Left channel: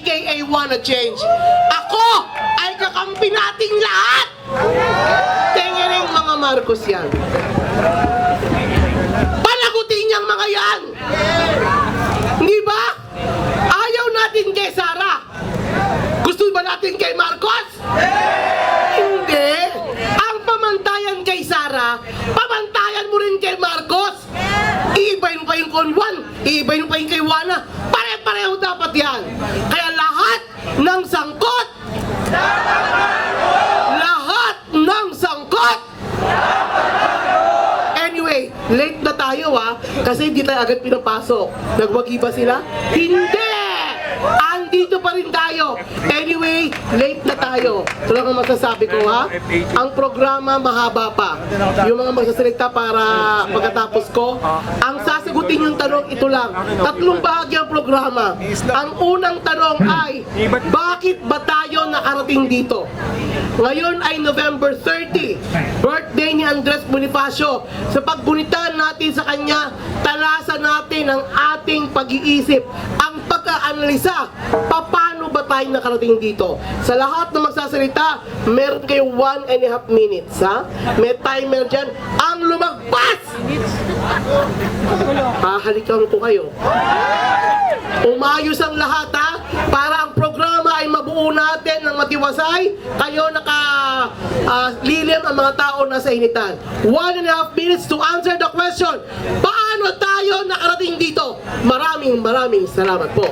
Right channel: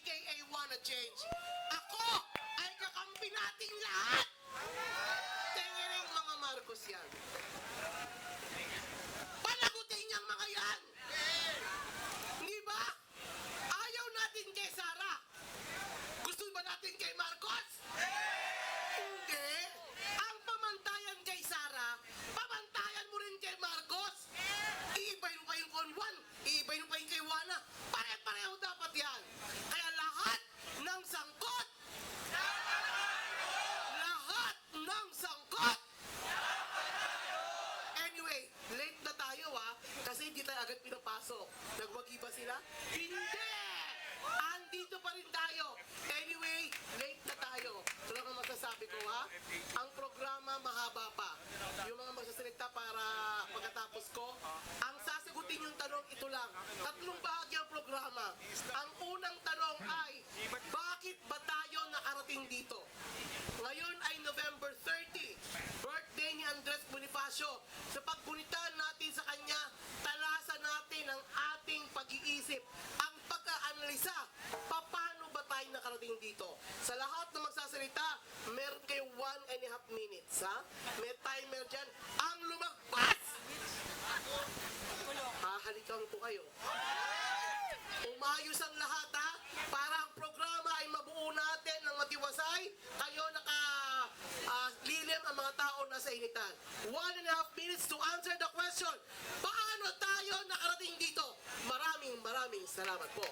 aka Wanna Change. Ako ay kakampi nating lahat! Tingiring mga Marcos yan. Panagutin niyang mga yan! Hindi ba? Ayaw natin kay Sara. Gusto ba natin kay Marcos? Hindi. Ang pamantayan kay Sara, pamantayan mo rin kay Marcos. Iibayin mo pa yung Conwan, iibayin mo pa yung kay Wana. Pare-pareho dapat yan. Kaya lahat ng sangkot, lahat ng sangkot. Anyway, late na tayo kasi hindi tayo agad pinapasok. Nagwagi ba sila? Hindi! Andito pa rin tayo. Anyway, late na tayo. Ito lang ang masasabi ko Ang programa mahaba pa. Yung mga magsasalita para pagkatapos ko, ang sasagutin yung tanong ito lang. 3 bahagi ang programa. Ang unang tanong ay, bakit ba tayo nakarating dito? Ngayon ay November 30, birthday ni Andres Bonifacio. Sa paggunitan natin sa kanya, talasan natin ang ating pag-iisip, ang pagka-analisa, paano ba tayo nakarating dito? Sa lahat na magsasalita, meron kayo 1.5 minutes, May timer dyan. Ang lumagpas! Hahalikan ko kayo. Umayos ang lahat, para ang programa ay mabuo natin ng matiwasay. Kayo lilim ang mga tao na sa initan. 1.5 minutes to answer the question. Paano tayo nakarating dito? Maraming salamat po.